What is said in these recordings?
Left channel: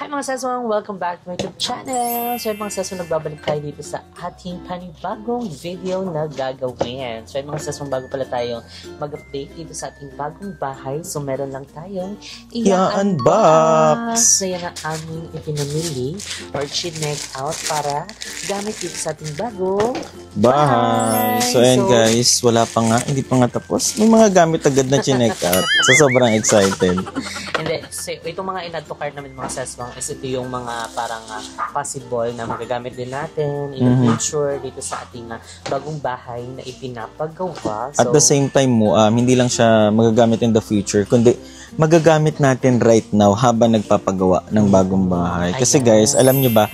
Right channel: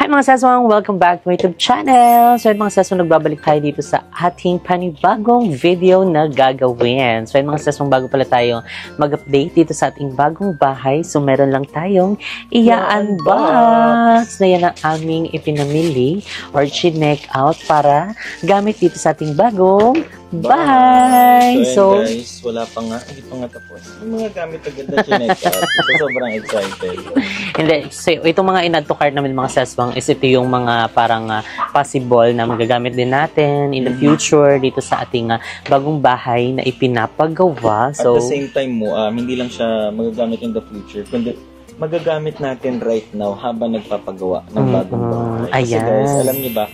Hi mga saswang! Welcome back to my YouTube channel! So mga saswang, nagbabalik tayo dito sa ating panibagong video na gagawin. So mga saswang, bago pala tayo mag-update dito sa ating bagong bahay, so meron lang tayong i-unbox. So yan ang aming ipinamili or chinek out para gamit dito sa ating bagong bahay. So guys, wala pa nga, hindi pa nga tapos. May mga gamit agad na chinek out. So sobrang excited. Hindi, so itong mga in-add to cart namin mga saswang is ito yung mga parang possible na magagamit din natin in the future dito sa ating bagong bahay na ipinapagawa. So, at the same time mo, hindi lang siya magagamit in the future, kundi magagamit natin right now habang nagpapagawa ng bagong bahay. Kasi guys, alam nyo ba,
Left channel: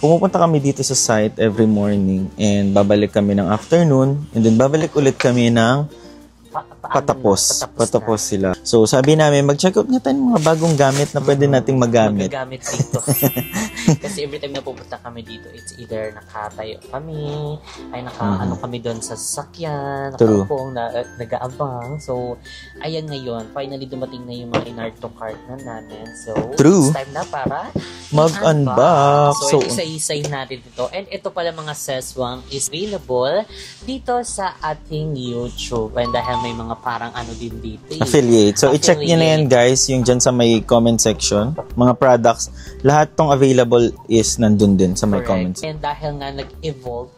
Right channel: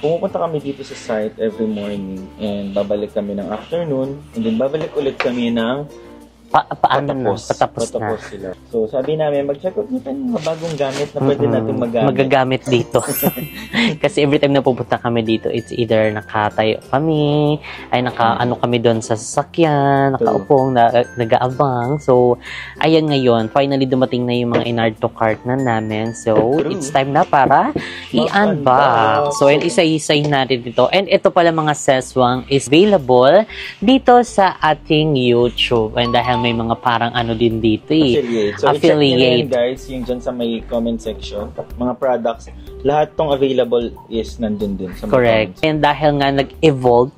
pumupunta kami dito sa site every morning and babalik kami ng afternoon and then babalik ulit kami ng patapos sila. So sabi namin, mag-check out nga tayo ng mga bagong gamit na pwede nating magagamit dito. Kasi every time na pupunta kami dito, it's either nakatayo kami, ay ano kami doon sa sasakyan, nakaupong, nag-aabang. So, ayan ngayon, finally dumating na yung mga in-add to cart na namin. So, it's time na para i-unbox. So, isa-isay natin dito. And ito pala mga seswang is available dito sa ating YouTube. And dahil may mga parang ano din dito affiliate. So, i-check nyo na yan guys, yung dyan sa may comment section. Mga products, lahat tong available is nandun din sa mga comments. And dahil nga nag-evolve,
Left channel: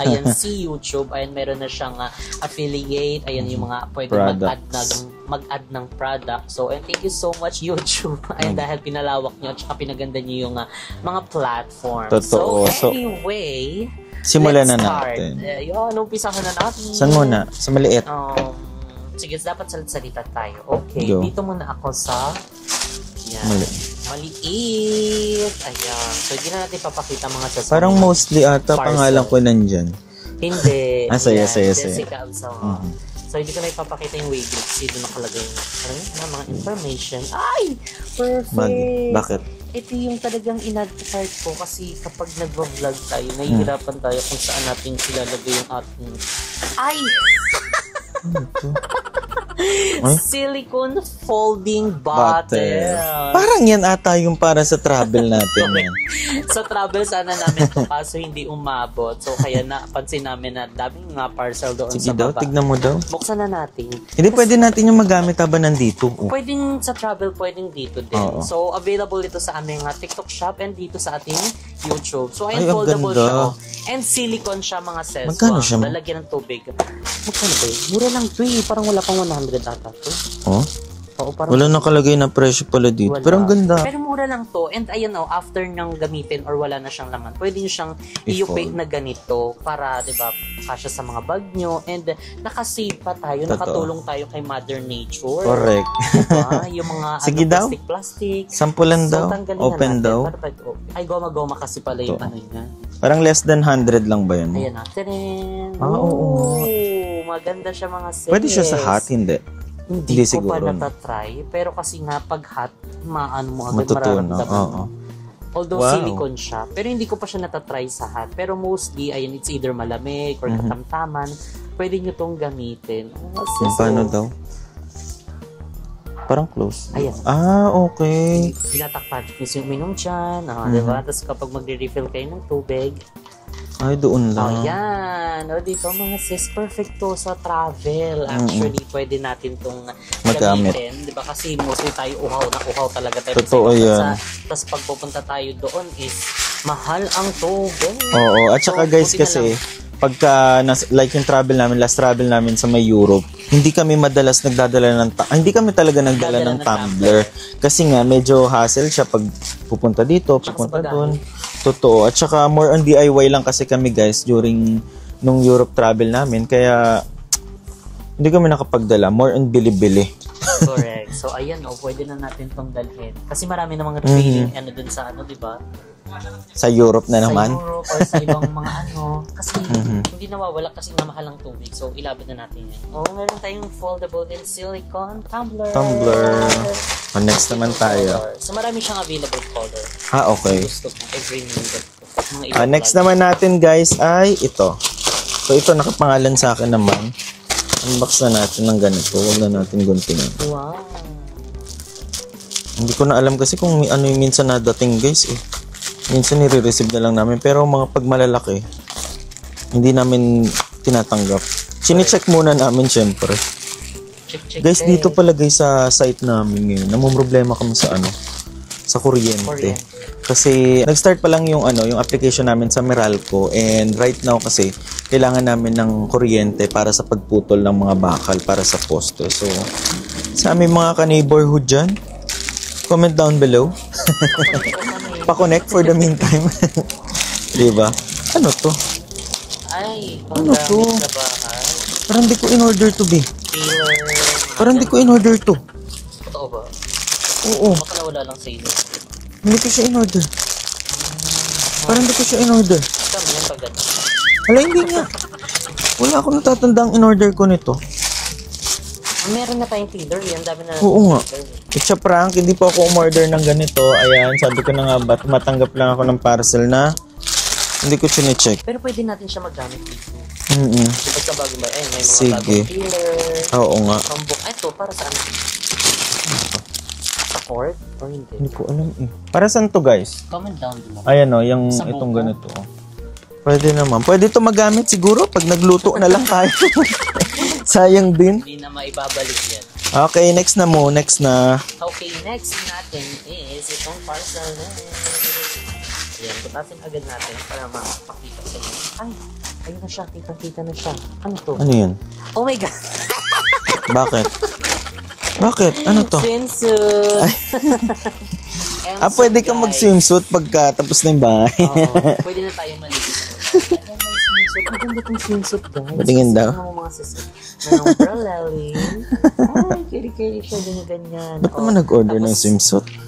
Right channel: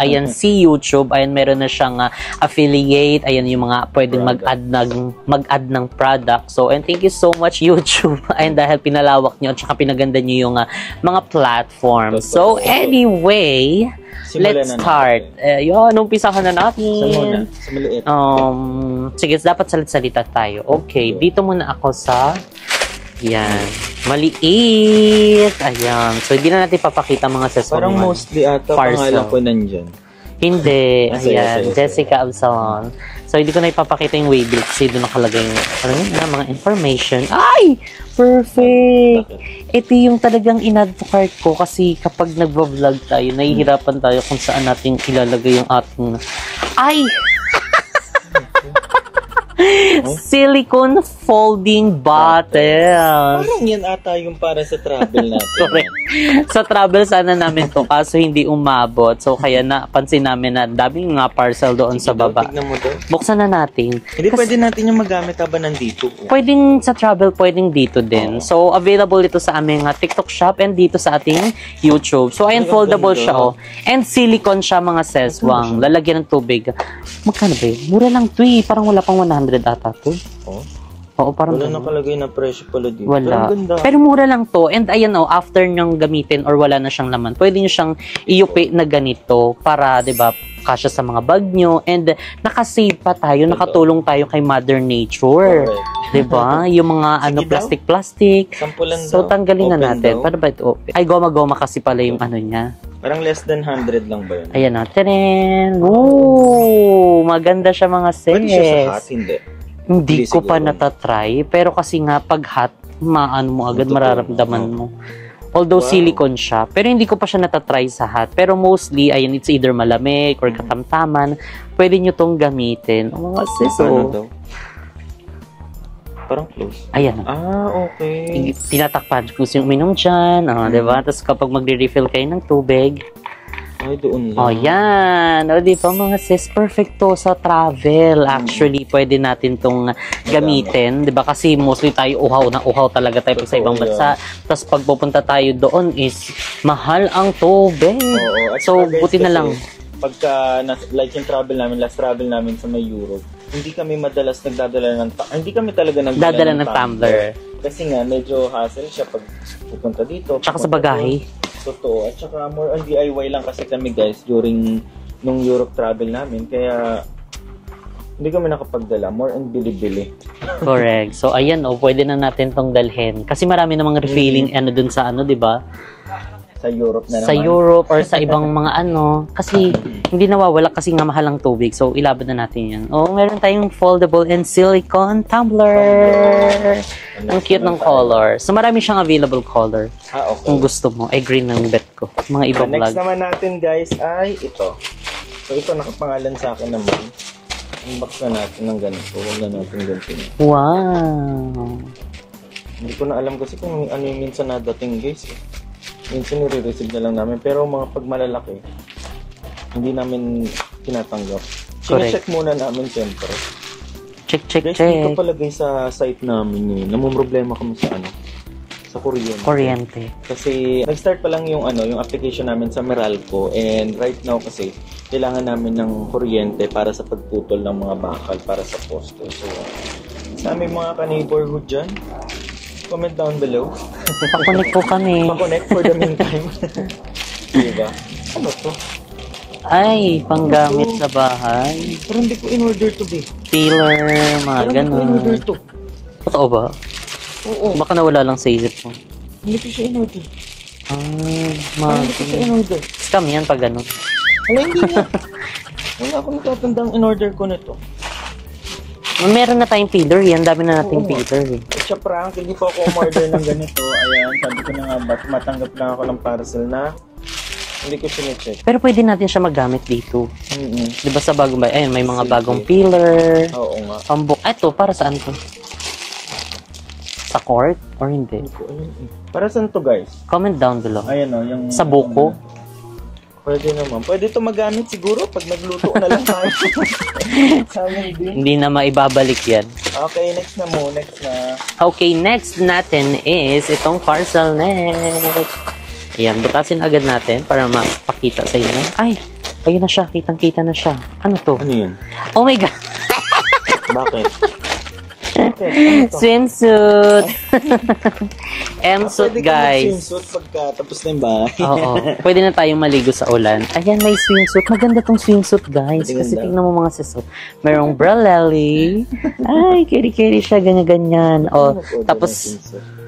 ayan si YouTube, ayan meron na siyang affiliate, ayan yung mga pwedeng mag-add ng product. So, and thank you so much YouTube. Ayan dahil pinalawak nyo at saka pinaganda nyo yung mga platform. So, anyway, let's start. Yun, umpisahan na natin. Saan muna? Sa maliit? Sige, dapat salit-salita tayo. Okay, dito muna ako sa maliit. Ayan. So, hindi na natin papakita mga session. Parang mostly ata pangalan ko nandyan. Hindi. Ayan. Jessica Absalon. So, hindi ko na ipapakita yung waybill kasi doon nakalagay yung mga information. Ay! Perfect! Bakit? Ito yung talagang in-add to cart ko kasi kapag nagvo-vlog tayo, nahihirapan tayo kung saan natin ilalagay yung ating... Ay! Silicone folding bottle. Parang yan ata yung para sa travel natin. Sa travel sana namin to kaso hindi umabot. So kaya napansin namin na daming nga parcel doon sa baba. Tignan mo daw. Buksan na natin. Hindi pwede natin yung magamit habang nandito. Pwedeng sa travel, pwedeng dito din. So available ito sa aming TikTok shop and dito sa ating YouTube. So ayan, foldable siya. And silicone siya mga seswang. Lalagyan ng tubig. Magkano ba yun? Mura lang to Parang wala pang 100 ata to. Oo, parang wala nakalagay na presyo pala dito. Pero ganda. Pero mura lang to. And ayan after nyong gamitin or wala na siyang laman, pwede nyo siyang iupi na ganito para, di ba, kasya sa mga bag nyo. And nakasave pa tayo, nakatulong tayo kay Mother Nature. Correct. Di ba? Yung mga plastic. Sampulan daw. So, tanggalin na natin. Daw. Paano ba ito open? Ay, goma-goma kasi pala yung ano niya. Parang less than 100 lang ba yun? Ayan natin. Oh, maganda siya mga sis. Pwede siya sa hot, hindi? Hindi ko pa natatry. Pero kasi nga, pag hot, mo agad mararamdaman mo. Although silicone siya. Pero hindi ko pa siya natatry sa hot. Pero mostly, ayan, it's either malamig or katamtaman. Pwede nyo tong gamitin. Mga sis. Parang close. Ayan. Okay. Tinatakpan kung sino uminom dyan. Diba? Tapos kapag magre-refill kayo ng tubig, ay, doon lang. Yan. Di ba mga sis, perfecto sa travel. Actually, pwede natin tong gamitin. Di ba? Kasi mostly tayo uhaw talaga tayo sa ibang bansa. Tapos pag pupunta tayo doon is mahal ang tubig. Oo. At saka guys, kasi pagka, like yung last travel namin sa may Europe, hindi kami madalas nagdadala hindi kami talaga nagdadala ng tumbler. Kasi nga, medyo hassle siya pag pupunta dito. Tsaka sa bagahe. Totoo. At saka more on DIY lang kasi kami guys during nung Europe travel namin. Kaya hindi kami nakapagdala. More on bili-bili. Correct. So ayan pwede na natin tong dalhin. Kasi marami namang refilling dun sa di ba? Sa Europe na naman. Sa Europe or sa ibang mga Kasi hindi nawawala kasi nga mahal ang tubig. So ilabad na natin yan. Meron tayong foldable and silicone tumbler. Ang cute ng color. So marami siyang available color. Okay. Kung gusto mo. Green ng bet ko. Mga ibang next naman natin guys ay ito. So ito nakapangalan sa akin naman. Unbox na natin ng ganito. Huwag na natin ganito na. Wow. Hindi ko na alam kasi kung ano yung minsan nadating guys eh. Minsan nire-receive na lang namin. Pero mga pag malalaki, hindi namin tinatanggap. Sine-check muna namin syempre. Check. Guys, dito pala guys sa site namin ngayon. Namumroblema kami sa sa kuryente. Kasi nag-start pa lang yung yung application namin sa Meralco, and right now kasi kailangan namin ng kuryente para sa pagputol ng mga bakal para sa poste. So sa aming mga ka-neighborhood dyan, comment down below. Pakonect po kami. Pakonect for the meantime. Diba? Ano to? Ay, panggamit sa bahay. Pero hindi ko in-order to be. Taylor, mga Pero hindi ko in-order to. Totoo ba? Oo. Baka nawala lang sa isip ko. Hindi ko siya in-order. Parang hindi ko siya in-order. Scam yan pag gano'n. Wala, hindi niya. Wala akong natatandang in-order ko nito. Meron na tayong peeler yan. Dami na natin peeler eh. It's a prank. Hindi po ako umorder ng ganito. Ayan, sabi ko na nga, matanggap lang ako ng parcel na hindi ko sine-check. Pero pwede natin siya magamit dito. Di ba sa bagong ayun, may mga bagong peeler. Oo nga. Ito, para saan to? Sa court? Or hindi? Hindi ko alam eh. Para saan to guys? Comment down below. Ayan o, yung sa buko? Pwede naman. Pwede ito magamit siguro pag nagluto na lang tayo. Sayang din. Hindi na maibabalik yan. Okay, next na mo. Next na. Okay, next natin is itong parcel net. Ayan, butasin agad natin para mapakita sa inyo. Ay, ayun na siya. Kitang-kita na siya. Ano to? Ano yun? Oh my God. Bakit? Bakit? Ano to? Swimsuit. Pwede ka mag-swimsuit pagka tapos na yung bahay. Oo. Pwede na tayong maligo sa ulan. Ayan, may swimsuit. Maganda tong swimsuit, guys. Kasi tignan mo mga sisot. Merong bralelli. Ay, keri-keri siya. Ganyan-ganyan. Ano nag-order ng swimsuit?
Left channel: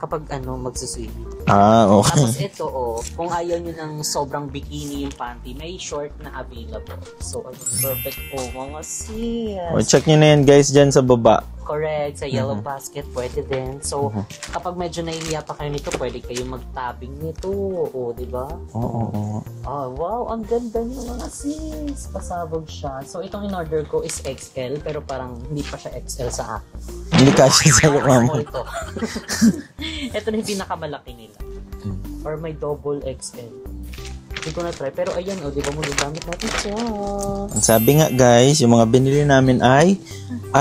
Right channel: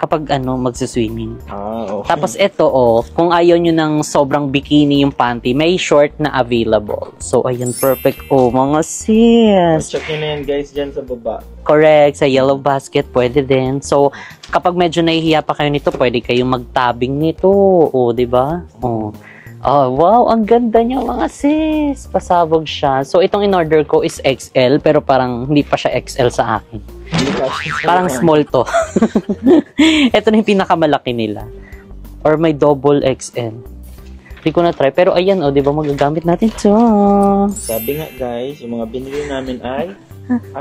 Kapag magsiswimming. Okay. Tapos ito, kung ayaw nyo ng sobrang bikini yung panty, may short na available. So, ayun, perfect. Mga sis. Check nyo na yan, guys, dyan sa baba. Correct. Sa yellow basket, pwede din. So, kapag medyo nahihiya pa kayo nito, pwede kayong magtabing nito. Di ba? Wow, ang ganda niya, mga sis. Pasabog siya. So, itong in-order ko is XL, pero parang hindi pa siya XL sa akin. Hindi kasi parang small to. Ito na yung pinakamalaki nila. Or may double XL. Hindi ko na try. Pero ayan, di ba magagamit natin ito. Sabi nga guys, yung mga binili namin ay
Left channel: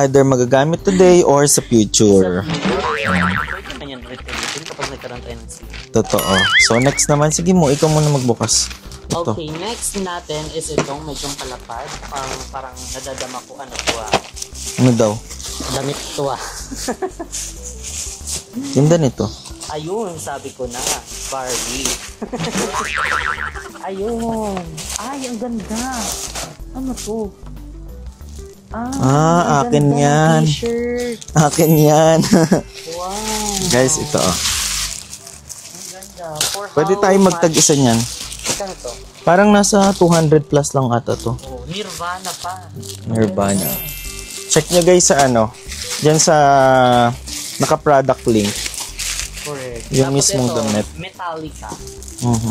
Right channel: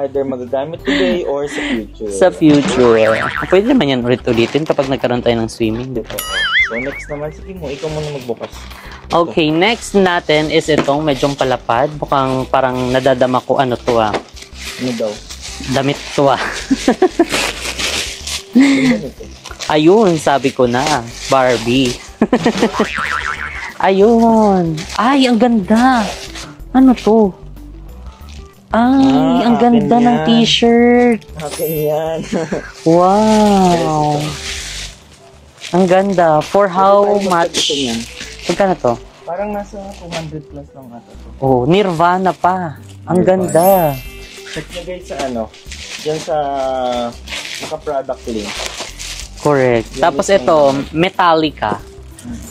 either magagamit today or sa future. Sa future. Pwede naman yan ulit-ulitin kapag nagkaroon tayo ng swimming. Totoo. So next naman, sige mo, ikaw muna magbukas. Okay, next natin is itong medyong palapad. Mukhang parang nadadama ko ano to Ano daw? Damit to Yung ganito. Ayun, sabi ko na. Barbie. Ayun. Ay, ang ganda. Ano to? Ay, ang ganda ng t-shirt. Akin yan. Wow. Guys, ito. Ang ganda. For how Pwede tayo much? magtag-isa niyan. Magkano to? Parang nasa 200 plus lang ata to. Nirvana pa. Ang Nirvana. ganda. Check nyo guys sa dyan sa naka-product link. Correct. Yung Tapos ito, damit. Metallica.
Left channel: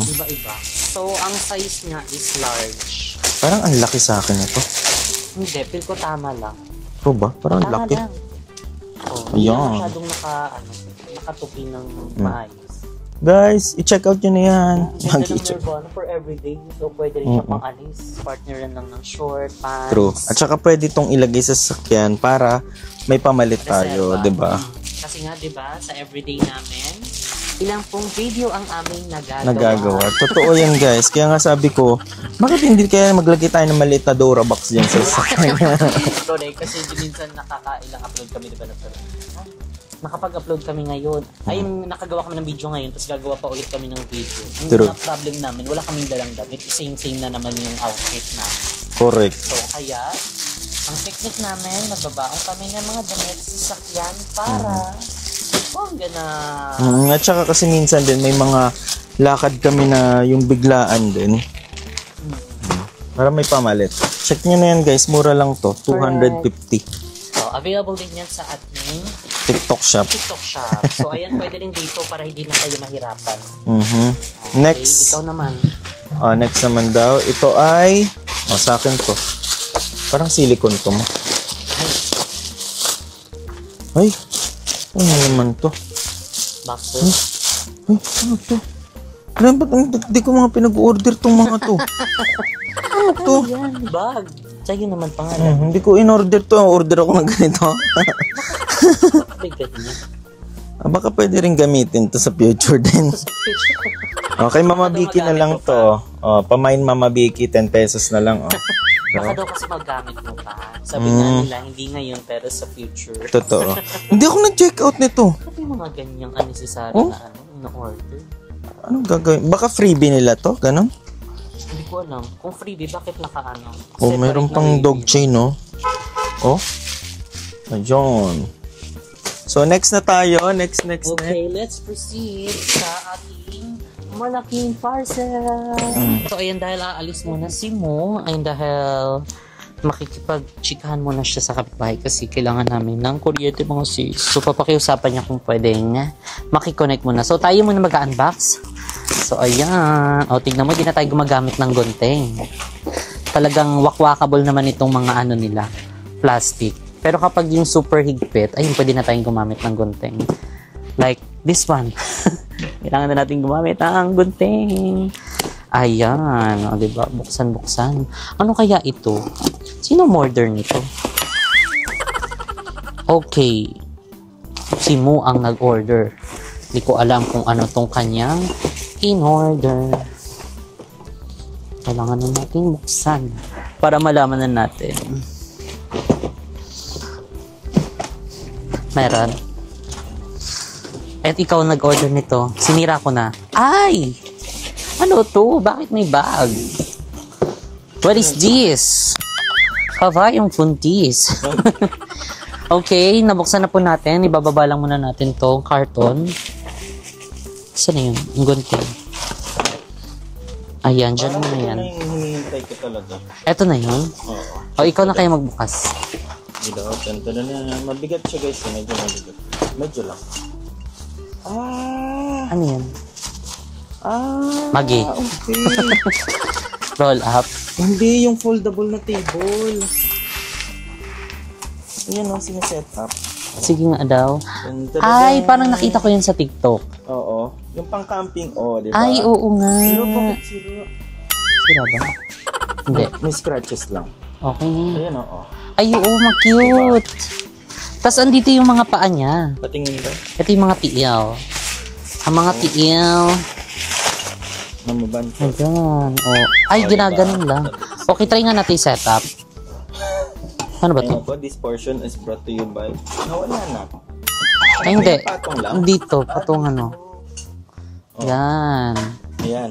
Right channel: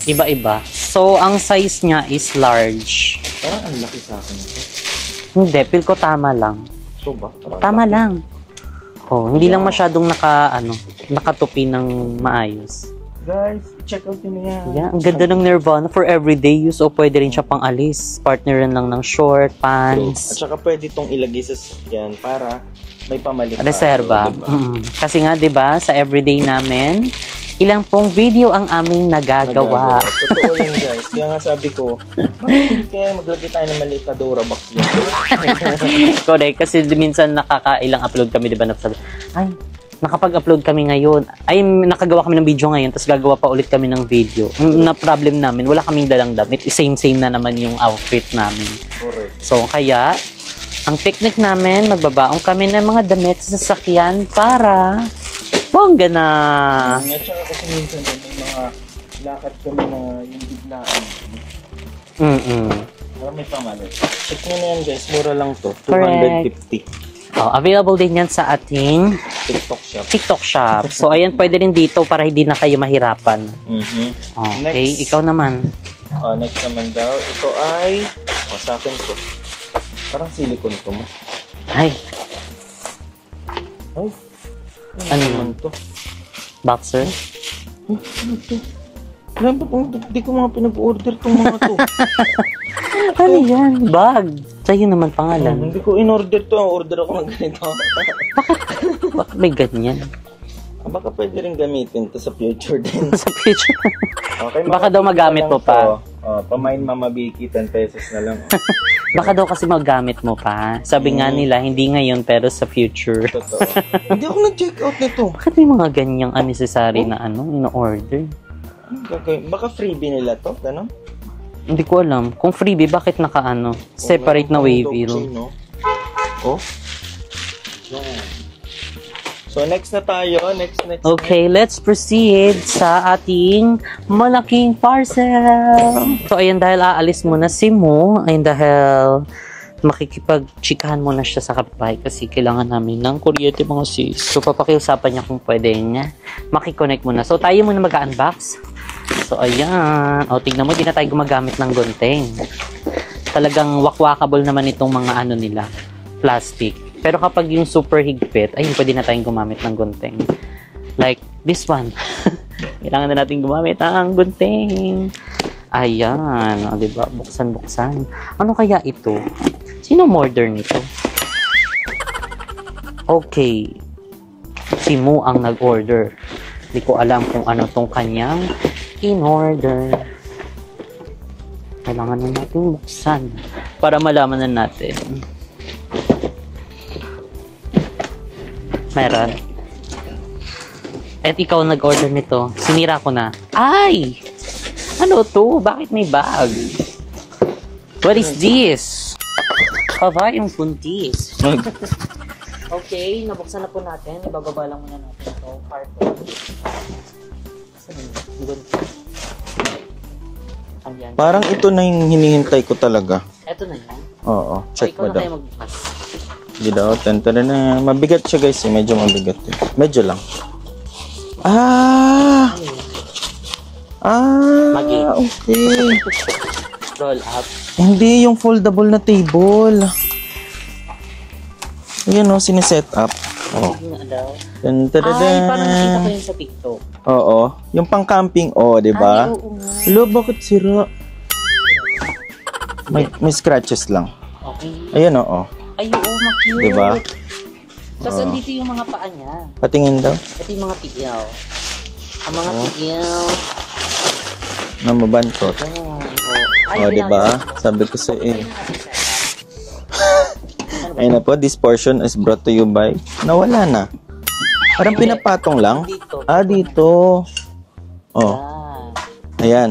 Iba-iba. So, ang size niya is large. Parang ang laki sa akin ito. Hindi, feel ko tama lang. So ba? Parang Tama laki. lang. Hindi lang masyadong nakatupi ng maayos. Guys, i-check out nyo na yan. Yeah, ang ganda ng Nirvana for everyday use o pwede rin siya pang alis. Partneran lang ng short, True. pants. At saka pwede itong ilagay sa sasakyan para may pamalit Reserva. tayo, diba? Kasi nga, diba, sa everyday namin, ilang pong video ang aming nagagawa. Totoo yan guys. Kaya nga sabi ko, bakit hindi kaya maglagay tayo ng maliit na Dora box dyan sa sasakyan? Correct. Kasi minsan nakakailang upload kami, diba, ay, nakapag-upload kami ngayon. Ay, nakagawa kami ng video ngayon, tapos gagawa pa ulit kami ng video. Ang na-problem namin, wala kaming dalang damit. Same-same na naman yung outfit namin. Correct. So, kaya, ang technique namin, magbabaong kami ng mga damit sa sasakyan para bongga na. At saka kasi minsan din, may mga lakad kami na yung biglaan din. Para may pamalit. Check nyo na yan guys, mura lang to. 250. Available din yan sa ating TikTok shop. So, ayan, pwede rin dito para hindi na kayo mahirapan. Okay, Next. ikaw naman. Next naman daw, ito ay, sa akin to. Parang silicone to. Ay, Ano naman to? Boxer? Ano to? Grabe, hindi ko mga pinag-order tong mga to. Ano yan? Bag. Sa'yo naman pangalan. Hindi ko in-order to. Order ako ng ganito. Bakit may ganyan? Baka pwede rin gamitin to sa future din. Sa future. Okay, Baka daw magamit mo pa. Pamain Mama Vicky, 10 pesos na lang. Baka daw kasi magamit mo pa. Sabi nga nila, hindi ngayon pero sa future. Totoo. Hindi ako nag-check out nito. Bakit may mga ganyang unnecessary na ino-order? Ano gagawin? Baka freebie nila to? Ganon? Hindi ko alam. Kung freebie, bakit separate meron na pang wave dog chain, no? Ayun. So, next na tayo. Next. Okay, let's proceed sa ating malaking parcel. So, ayun, dahil aalis muna si Mo, ayun, dahil makikipag-chikahan muna siya sa kapitbahay kasi kailangan namin ng kuryente mga sis. So, papakiusapan niya kung pwede niya makiconnect muna. So, tayo muna mag-unbox. So, ayan. O, tignan mo, di na tayo gumagamit ng gunting. Talagang wakwakable naman itong mga nila, plastic. Pero kapag yung super higpit, ayun, pwede na tayong gumamit ng gunting. Like this one. Kailangan na natin gumamit ng gunting. Ayan. O, diba? Buksan. Ano kaya ito? Sino order nito? Okay. Si Mu ang nag-order. Hindi ko alam kung ano tong kanyang in-order. Kailangan na natin buksan para malaman na natin. Meron. At ikaw nag-order nito. Sinira ko na. Ay! Ano to? Bakit may bag? What is this? Yung funtis. Okay, nabuksan na po natin. Ibababa lang muna natin tong karton. Saan na yun? Ang gunting. Ayan. Parang ito na yung hinihintay ko talaga. Ito na yun? Oo. O, ikaw na kaya magbukas. Hindi daw. Tantara na. Mabigat siya guys. Medyo mabigat. Medyo lang. Ano yun? Magi. Okay. Roll up. Hindi, yung foldable na table. Ayan o, siniset up. Sige nga daw. Tantara. Ay, parang nakita ko yun sa TikTok. Oo. Yung pang-camping, di ba? Ay, oo nga. Lo, bakit sira? Sira ba? May scratches lang. Okay. Ayan, oo. Ay, oo, ma-cute. Diba? Tapos andito yung mga paa niya. Patingin daw. Ito yung mga tiil. Ang mga tiil. Namabantot. Ayan. Oh. Ay, Diba? ginaganon lang. Sabi ko sa Okay, try nga natin setup. Ano ba Ayun ito? na po, this portion is brought to you by... Nawala na. Parang Hindi. pinapatong lang. Dito. Dito. Oh, Yan. ayan.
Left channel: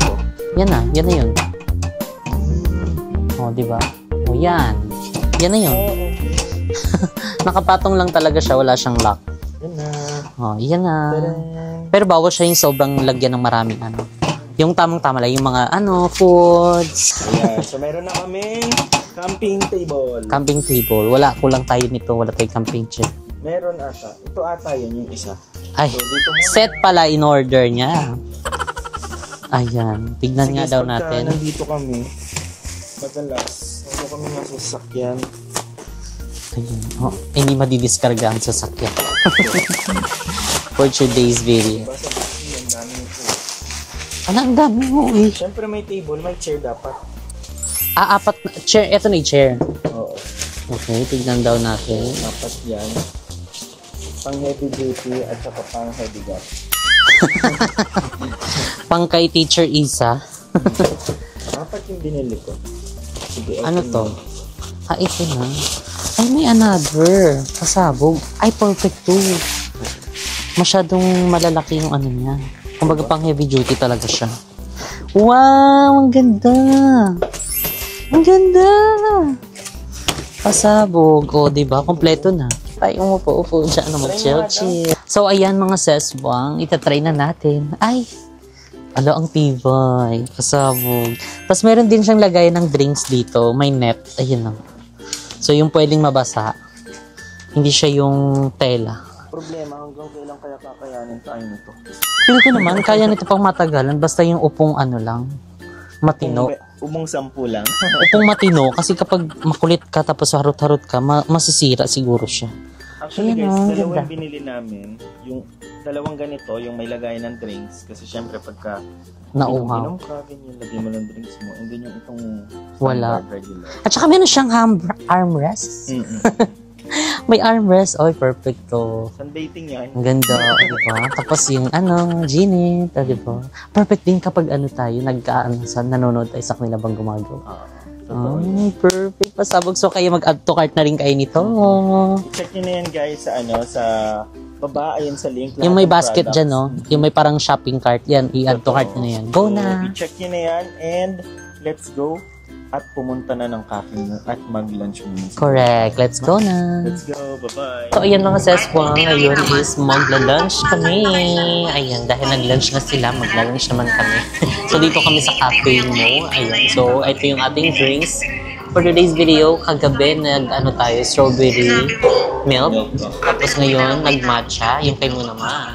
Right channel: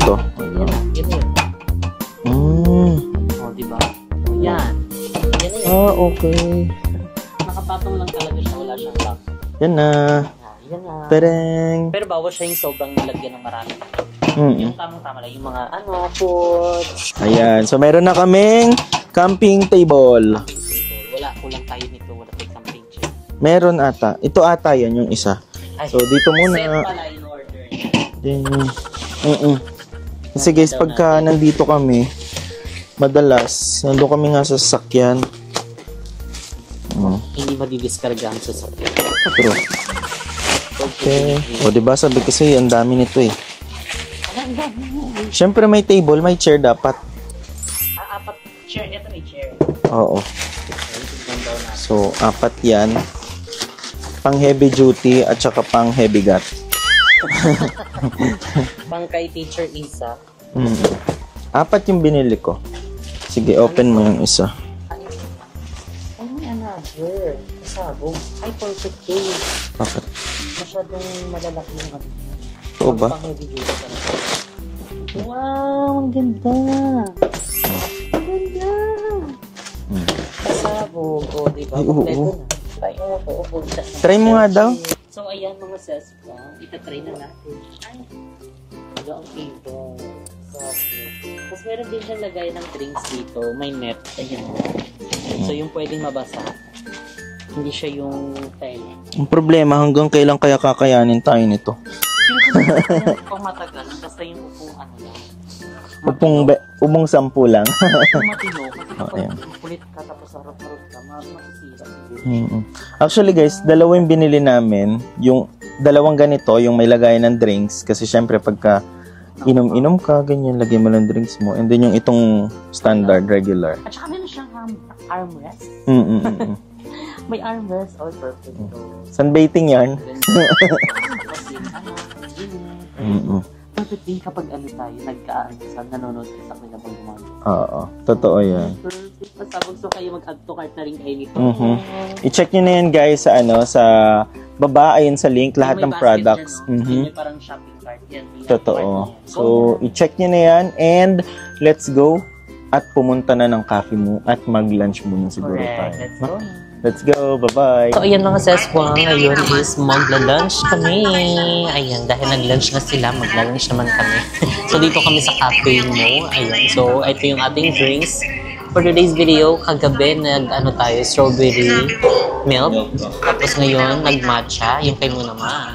Ito. Yan na yun. Mm. Oh, di ba? Oh, yan. Yan na yun. Okay. Nakapatong lang talaga siya, wala siyang lock. Yan na. Oh, yan na. Pereng. Pero bawal siya yung sobrang lagyan ng maraming ano. Yung tamang-tama lang, yung mga foods. Ayan. So, meron na kaming camping table. Camping table. Wala, kulang tayo nito. Wala tayong camping chair. Meron ata. Ito ata yan yung isa. Ay, So, dito muna. set pala in order niya. Then, Ayan. Tignan kasi nga guys, daw pagka natin. nandito kami, madalas, nandun kami nga sa sasakyan. Hindi madidiskarga ang sasakyan. For today's video. O, diba? Sabi kasi, ang dami nito eh. Ang dami mo eh. Siyempre, may table, may chair dapat. Apat na chair. Ito na yung chair. Oo. Okay, tignan daw na. So, 4 yan. Pang heavy duty at saka pang heavy gut. Pang kay Teacher Isa. 4 yung binili ko. Sige, open mo yung isa. Ito na. Ay, may another. Pasabog. Ay, perfect too. Bakit? Masyadong malalaki yung ano niya. Kumbaga ba? pang heavy duty talaga siya. Wow! Ang ganda! Ang ganda! Pasabog. O, diba? Kompleto na. Ay, upo siya. Ano, Try mo nga daw. So, ayan mga sesbang. Itatry na natin. Ay! Ang tibay. Pasabog. Tapos meron din siyang lagay ng drinks dito. May net. Ayun na. So, yung pwedeng mabasa. Hindi siya yung tela. Ang problema, hanggang kailan kaya kakayanin tayo nito? Feeling ko naman, kaya nito pang matagalan. Basta yung upong ano lang. Matino. Umong 10 lang. Upong matino. Kasi kapag makulit ka tapos harot-harot ka, masisira siguro siya. Actually guys, dalawang binili namin. Yung dalawang ganito, yung may lagayan ng drinks. Kasi syempre pagka inom-inom ka, ganyan, lagyan mo ng drinks mo. And then yung itong standard, regular. At saka meron siyang armrest. May armrest. Oy, perfecto. Sunbathing yan. Ang ganda. Tapos yung Ginit. Perfect din kapag tayo, nanonood tayo sa kanila bang gumagawa. Oo. Totoo yan. Perfect. Pasabog. So kayo mag-add to cart na rin kayo nito. I-check nyo na yan guys sa sa baba, ayun sa link. Lahat yung may ng basket products. Dyan, no? Yung may parang shopping cart. Yan, i-add to cart na yan. Go so, na. I-check nyo na yan and let's go at pumunta na ng cafe mo at mag-lunch muna. Correct. Let's go na. Let's go. Bye-bye. So, ayan mga seswang. Ngayon is magla-lunch kami. Ayan, dahil nag-lunch na sila, magla-lunch naman kami. So, dito kami sa cafe mo. Ayan. So, ito yung ating drinks. For today's video, kagabi tayo, strawberry milk. Tapos ngayon, nag-matcha. Yung kay mo naman.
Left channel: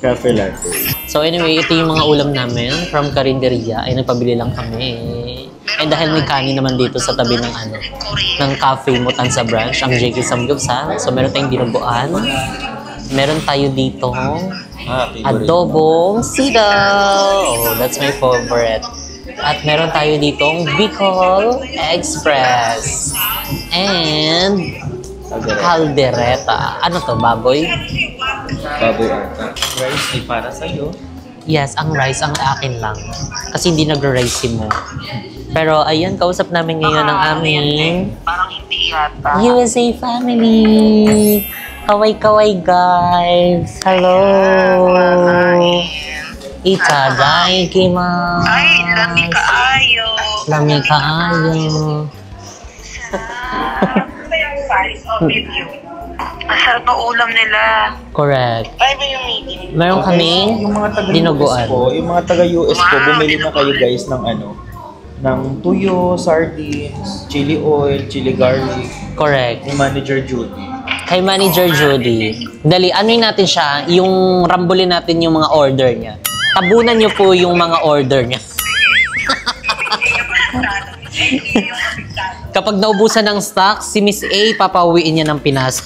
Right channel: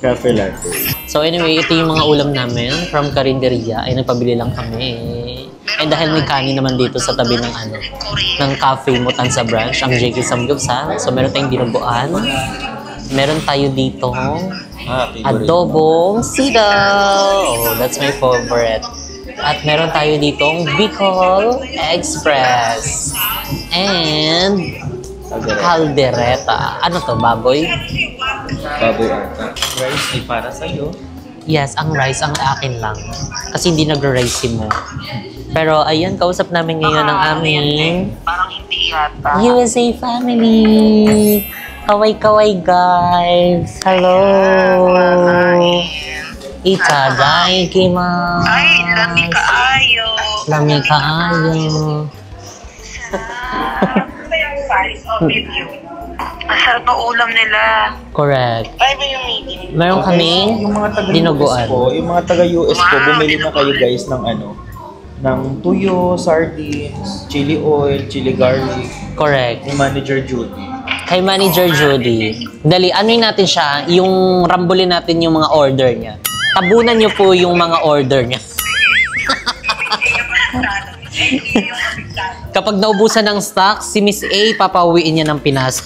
Cafe latte. So anyway, ito yung mga ulam namin from Karinderia. Ay nagpabili lang kami. And dahil may kanin naman dito sa tabi ng ng cafe mo Tansa branch, ang JK Samgyupsal. So meron tayong dinuguan. Meron tayo dito adobong sitaw. Oh, that's my favorite. At meron tayo ditong Bicol Express. And caldereta. Ano to, baboy? Baboy ata. Rice ay para sa'yo. Yes, ang rice ang akin lang. Kasi hindi nag-rice mo. Pero ayan, kausap namin ngayon ang aming parang hindi yata. USA family. Kaway-kaway guys. Hello. Itadaikimasu. Ay, lami kaayo. Lami kaayo. Masarap na ulam nila. Correct. Ay, ba yung meeting? Meron kaming dinuguan. Yung mga taga-US po, bumili na kayo guys ng ng tuyo, sardines, chili oil, chili garlic. Correct. Ni Manager Judy. Kay Manager Judy. Dali, natin siya, yung rambulin natin yung mga order niya. Tabunan niyo po yung mga order niya. Kapag naubusan ng stock, si Miss A, papauwiin niya ng Pinas.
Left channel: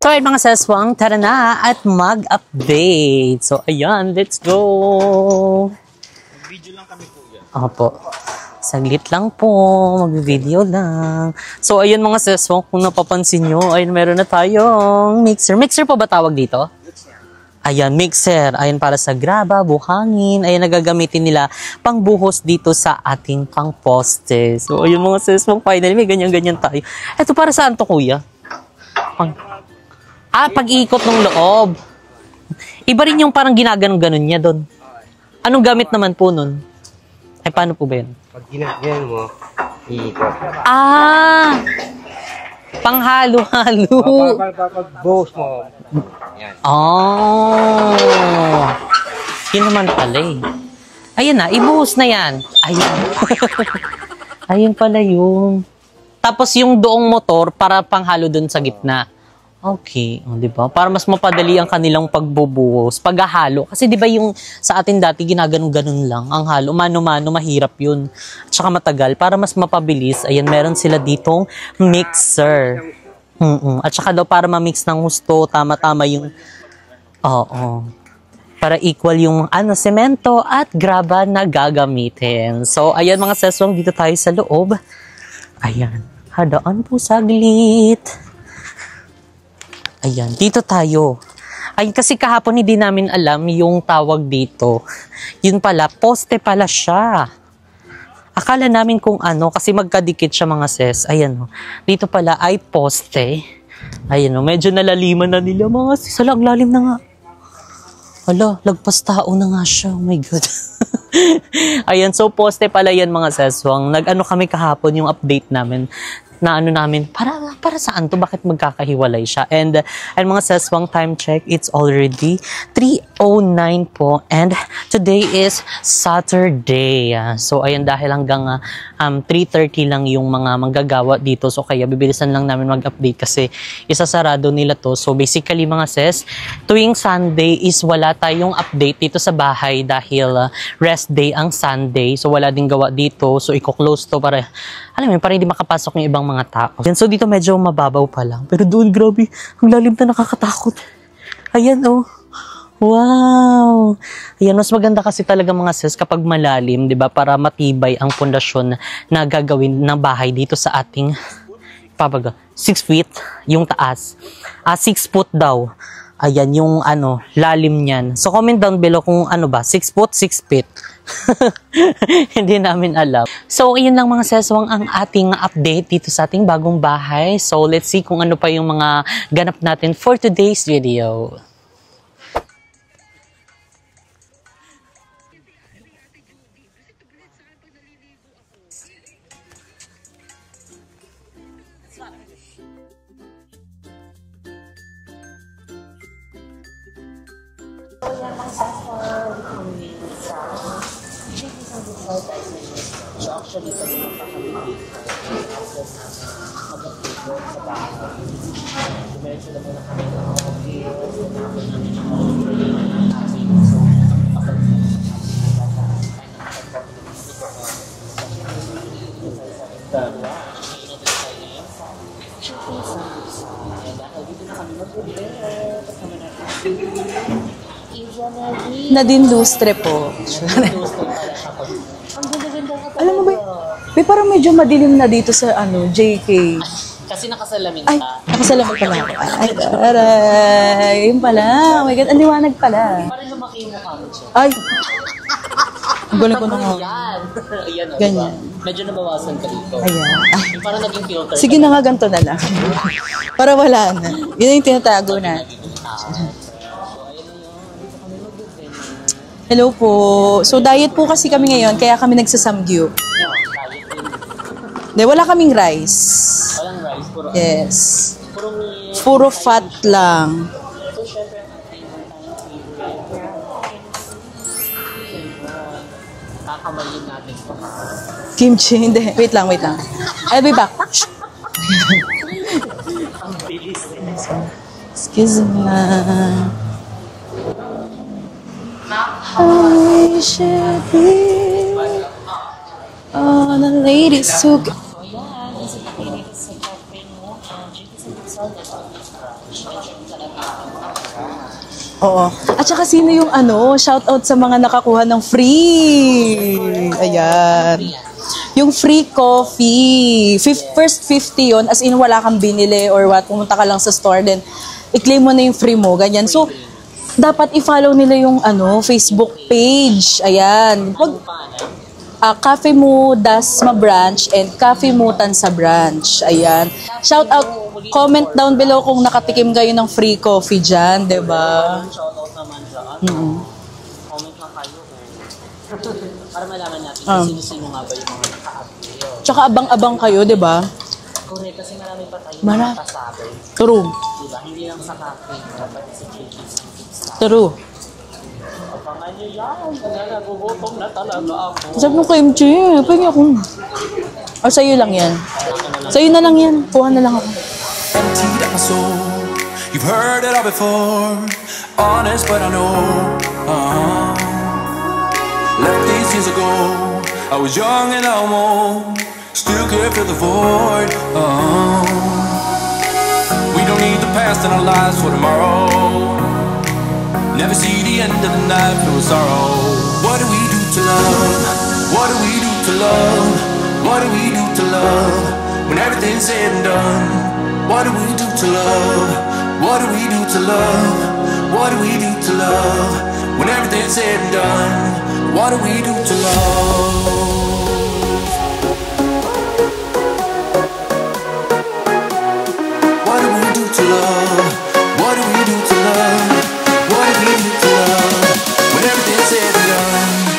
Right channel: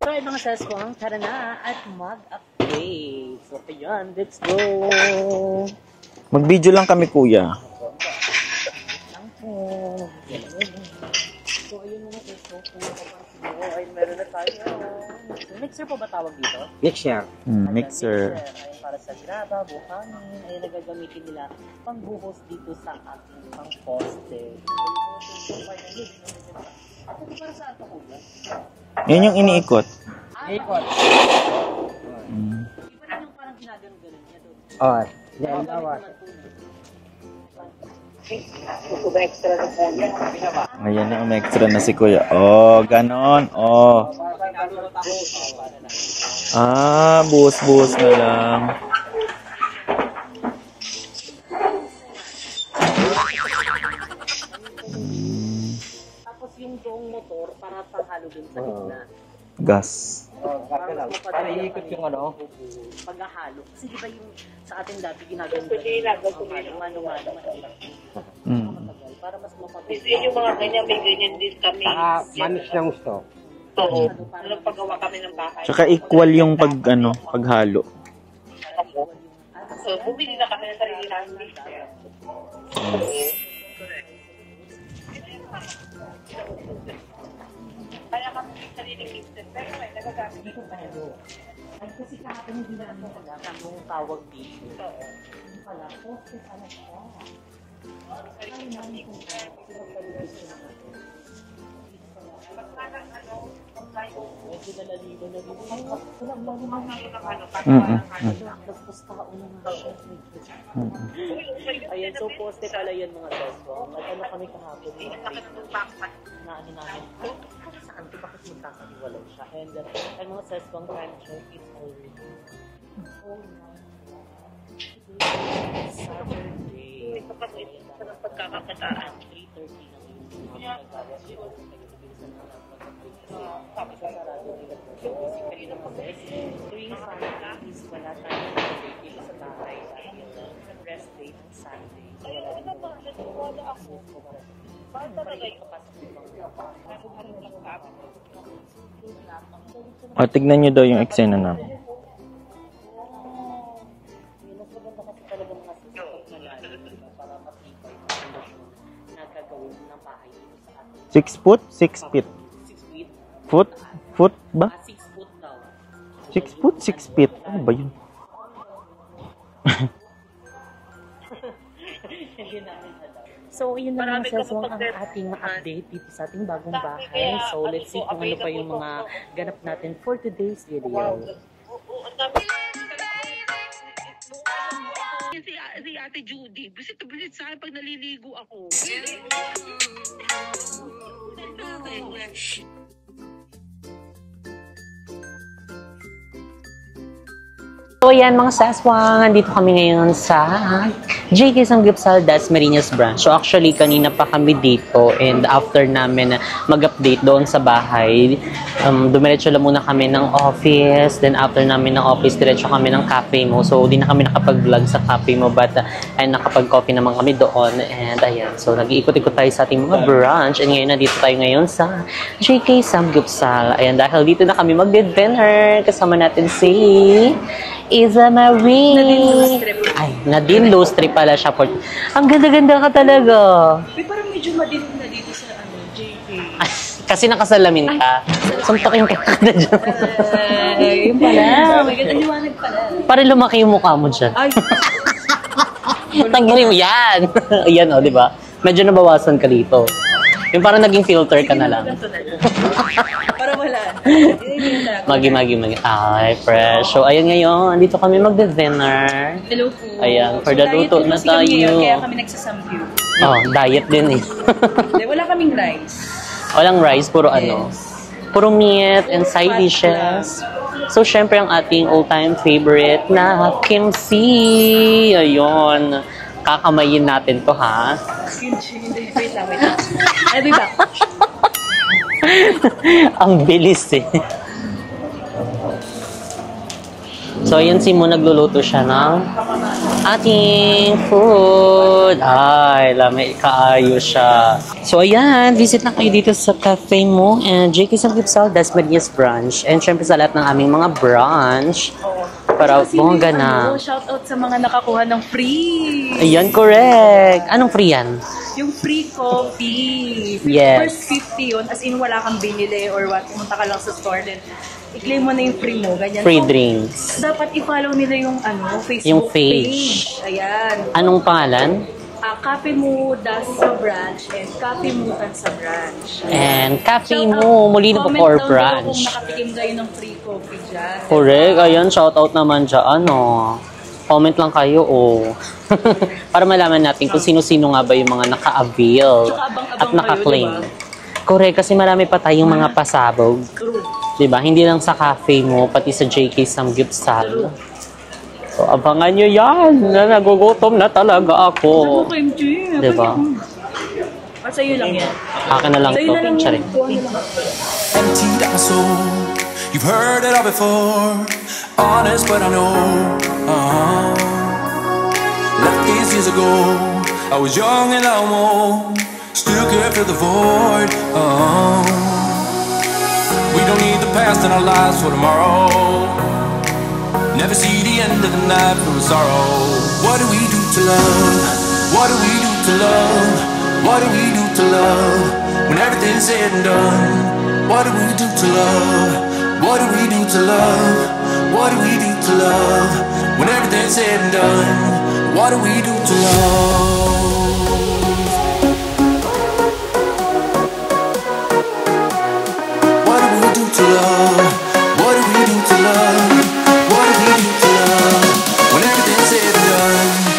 So, ay mga seswang, tara na at mag-update. So, ayan, let's go! Mag-video lang kami, kuya. Opo. Saglit lang po, mag-video lang. So, ayun mga seswang, kung napapansin nyo, ayun, meron na tayong mixer. Mixer po ba tawag dito? Mixer. Ayan, mixer. Ayun, para sa graba, buhangin. Ayun, nagagamitin nila pangbuhos dito sa ating pang-poste. So, ayun mga seswang, finally, may ganyan-ganyan tayo. Ito, para saan to, kuya? Yan yung iniikot. Pag-iikot ng loob. Iba rin yung parang ginaganon-ganon niya doon. Anong gamit naman po nun? Ay, paano po ba yun? Extra na si kuya. Oh, panghalo-halo. Buhos. Yun naman pala eh. Ayan na, ibuhos na yan. Ayan. Ayun pala yun. Tapos yung doong motor para panghalo dun sa gitna. Okay, di ba? Para mas mapadali ang kanilang pagbubuhos, paghahalo. Kasi di ba yung sa atin dati ginaganon-ganon lang ang halo, mano-mano, mahirap yun. At saka matagal, para mas mapabilis, ayan, meron sila ditong mixer. At saka daw para ma-mix ng gusto, tama-tama yun. Equal yung paghalo. Para equal yung semento at graba na gagamitin. So, ayan mga seswang, dito tayo sa loob. Ayan, hadaan po saglit. Ayan, dito tayo. Ay, kasi kahapon hindi namin alam yung tawag dito. Yun pala, poste pala siya. Akala namin kung ano, kasi magkadikit siya mga ses. Ayan, dito pala ay poste. Ayan, medyo nalaliman na nila mga ses. Lalim na nga. Ala, lagpas tao na nga siya. Oh my God. Ayan, so poste pala yan mga seswang. Nag-ano kami kahapon yung update namin. na ano namin, para saan to? Bakit magkakahiwalay siya? And mga seswang time check, it's already 3:09 po. And today is Saturday. So, ayan, dahil hanggang 3:30 lang yung mga manggagawa dito. So, kaya bibilisan lang namin mag-update kasi isasarado nila to. So, basically mga sis, tuwing Sunday is wala tayong update dito sa bahay dahil rest day ang Sunday. So, wala ding gawa dito. So, i-close to para, alam mo, para hindi makapasok yung ibang mga tao. So, dito medyo mababaw pa lang. Pero doon, grabe, ang lalim na nakakatakot. Tignan nyo daw yung eksena na. Ayan, oh. Wow! Ayan, mas maganda kasi talaga mga sis kapag malalim, di ba? Para matibay ang pundasyon na gagawin ng bahay dito sa ating 6 foot? 6 feet? 6 feet, yung taas. Foot ba? 6 foot daw. Ayan, yung feet. lalim niyan. So, comment down below kung ano ba, 6 foot, 6 feet. Hindi namin alam. So, yun lang mga seswang ang ating update dito sa ating bagong bahay. So, let's see kung ano pa yung mga ganap natin for today's video. Si Ate Judy, busit sa akin pag naliligo ako. So yan mga saswang, nandito kami ngayon sa JK Sanggipsal Dasmariñas branch. So actually kanina pa kami dito and after namin mag-update doon sa bahay, dumiretso lang muna kami ng office, then after namin ng office, diretso kami ng cafe mo. So di na kami nakapag-vlog sa cafe mo but ay nakapag-coffee naman kami doon and ayan. So nag-iikot-ikot tayo sa ating mga branch and ngayon nandito tayo ngayon sa JK Sanggipsal. Ayan, dahil dito na kami mag-dinner kasama natin si Iza Marie. Nadine Lustre po. Nadine Lustre pala siya po. Ang ganda-ganda ka talaga. Parang medyo madilim na dito sa JK. Kasi nakasalamin ka. Masalaman ka. Aray, yun pala. Oh my God, ang liwanag pala. Para lumaki yung mukha mo dyan. Ay. Tanggalin mo yan. Ayan o, di ba? Medyo nabawasan ka dito. Yung parang naging filter sige ka na na nga, ganito na lang. Para wala na. Yun yung tinatago na. Magi. Ay, fresh. So, ayun ngayon. Andito kami magde-dinner. Hello po. Ayan, So, diet po kasi kami ngayon, kaya kami nagsasamgyup. Oh, diet din eh. Hindi, wala kaming rice. Walang rice, puro Yes. Puro meat Puro and side fat dishes. lang. So, syempre, ang ating all-time favorite na kimchi. Ayun. Kakamayin natin to, ha? Kimchi, hindi. Wait lang. I'll be back. Ang bilis eh. Excuse me. So, ayan si Mo, nagluluto siya ng ating food. Ay, lamay, kaayos siya. So, ayan, visit na kayo dito sa cafe mo and JK Sanggipsal Dasmariñas branch. And syempre sa lahat ng aming mga branch. Oo. At saka sino yung shoutout sa mga nakakuha ng free. Ayan, correct. Ayan. Anong free yan? Yung free coffee. Yes. First 50 yun, as in wala kang binili or what, pumunta ka lang sa store, then i-claim mo na yung free mo, ganyan. Free so, drinks. dapat i-follow nila yung Facebook Yung page. Ayan. Anong pangalan? Cafe Mo Dasma branch and Cafe Mo Tansa branch. Ayan. And Cafe Shout out, Mo Molino comment Core down below branch. kung nakatikim kayo ng free coffee dyan. Diba? Correct. Ayan, shout out naman dyan. Comment lang kayo, para malaman natin kung sino-sino nga ba yung mga naka-avail. Tsaka abang-abang kayo, di ba? Correct, kasi marami pa tayong mga pasabog. True. Diba? Hindi lang sa cafe mo, pati sa JK Sanggipsal. True. So, abangan nyo yan. Nagugutom na talaga ako. Sabi mo, Kimchi, Diba? pwede ako. O, sa'yo lang yan. Akin na lang. Sa'yo to, na lang Kimchi. yan. Kuha na lang ako. Emptied out my soul. You've heard it all before. Honest, but I know. Left these years ago. I was young and almost still can't fill the void. We don't need the past in our lives for tomorrow. Never see the end of the night filled with sorrow. What do we do to love? What do we do to love? What do we do to love? When everything's said and done. What do we do to love? What do we do to love? What do we do to love? When everything's said and done. What do we do to love? What do we do to love? What do we do to love? What do we do to love? When everything's said and done.